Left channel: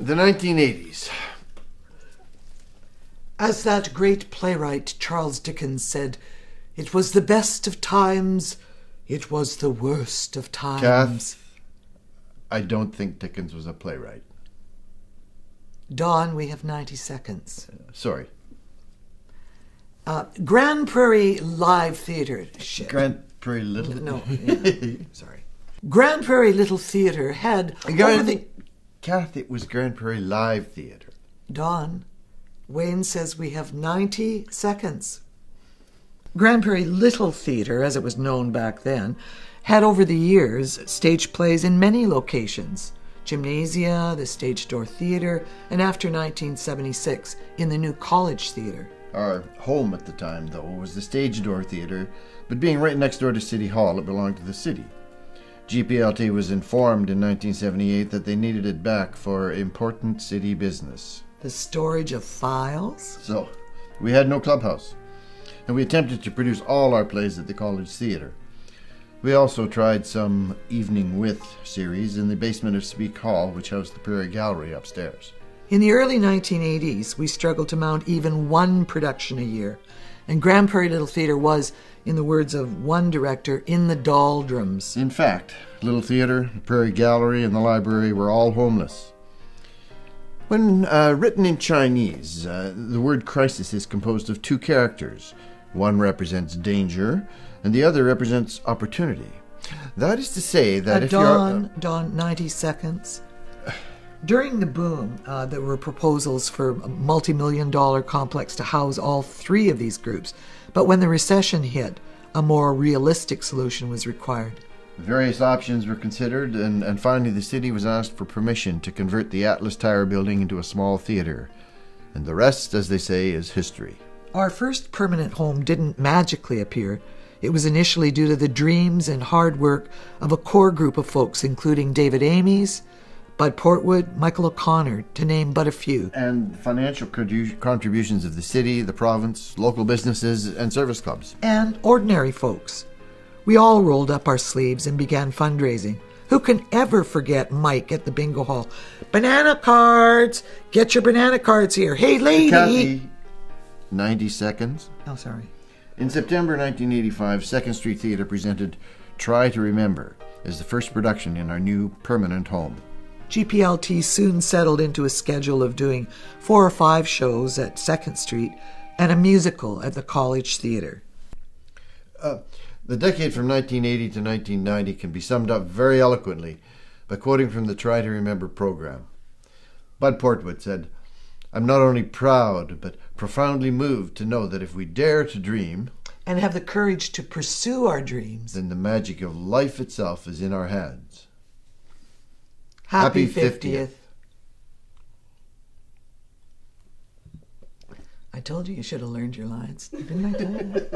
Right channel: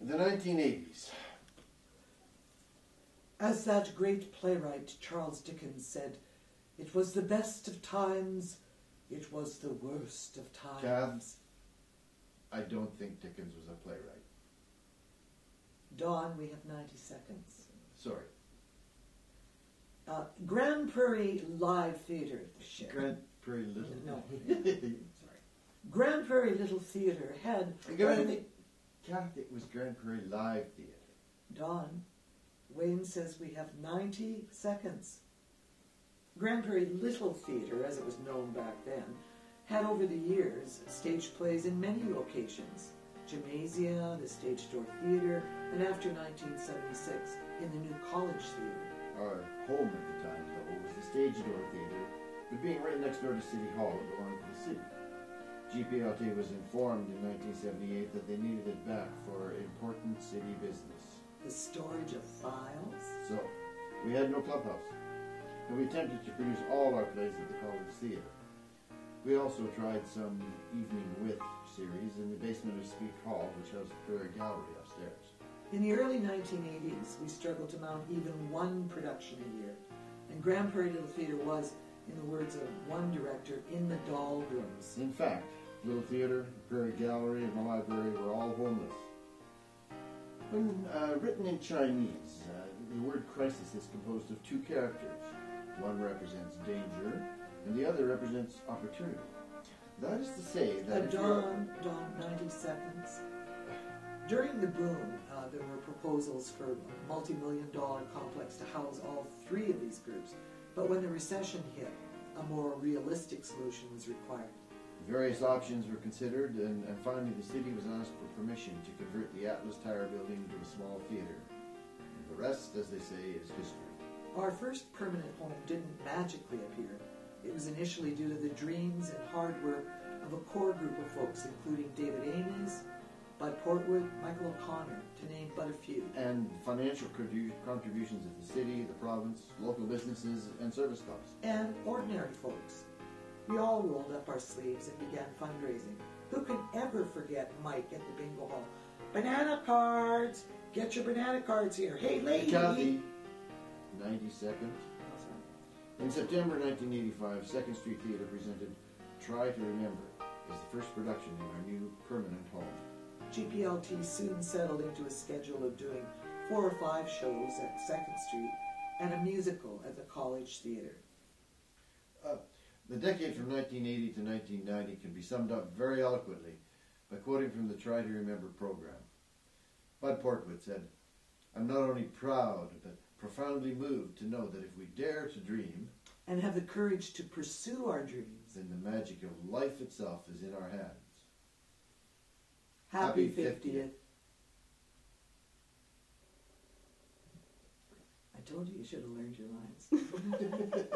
The 1980s. As that great playwright Charles Dickens said, it was the best of times, it was the worst of times. Kath, I don't think Dickens was a playwright. Dawn, we have 90 seconds. Sorry. Grand Prairie Live Theatre. Shit. Grand Prairie Little... No, yeah. Sorry. Grand Prairie Little Theatre had... Kath, it was Grand Prairie Live Theatre. Dawn, Wayne says we have 90 seconds. Grand Prairie Little Theatre, as it was known back then, had over the years stage plays in many locations. Gymnasia, the Stage Door Theatre, and after 1976, in the new College Theatre. Our home at the time, though, was the Stage Door Theatre, but being right next door to City Hall, it belonged to the city. GPLT was informed in 1978 that they needed it back for important city business. The storage of files? So, we had no clubhouse, and we attempted to produce all our plays at the College Theatre. We also tried some Evening With series in the basement of Speak Hall, which housed the Prairie Gallery upstairs. In the early 1980s, we struggled to mount even one production a year, and Grand Prairie Little Theatre was, in the words of one director, in the doldrums. In fact, Little Theatre, the Prairie Gallery, and the library were all homeless. When written in Chinese, the word crisis is composed of two characters. One represents danger, and the other represents opportunity. That is to say that if Dawn, 90 seconds. During the boom, there were proposals for a multi-million-dollar complex to house all three of these groups. But when the recession hit, a more realistic solution was required. Various options were considered, and finally the city was asked for permission to convert the Atlas Tower building into a small theatre. And the rest, as they say, is history. Our first permanent home didn't magically appear. It was initially due to the dreams and hard work of a core group of folks, including David Amies, Bud Portwood, Michael O'Connor, to name but a few. And financial contributions of the city, the province, local businesses, and service clubs. And ordinary folks. We all rolled up our sleeves and began fundraising. Who can ever forget Mike at the bingo hall? Banana cards! Get your banana cards here. Hey, lady! Kathy, 90 seconds. Oh, sorry. In September 1985, 2nd Street Theatre presented Try to Remember as the first production in our new permanent home. GPLT soon settled into a schedule of doing 4 or 5 shows at 2nd Street and a musical at the College Theatre. The decade from 1980 to 1990 can be summed up very eloquently by quoting from the Try to Remember program. Bud Portwood said, "I'm not only proud, but profoundly moved to know that if we dare to dream and have the courage to pursue our dreams, then the magic of life itself is in our hands." Happy 50th. I told you should have learned your lines. Didn't I tell you?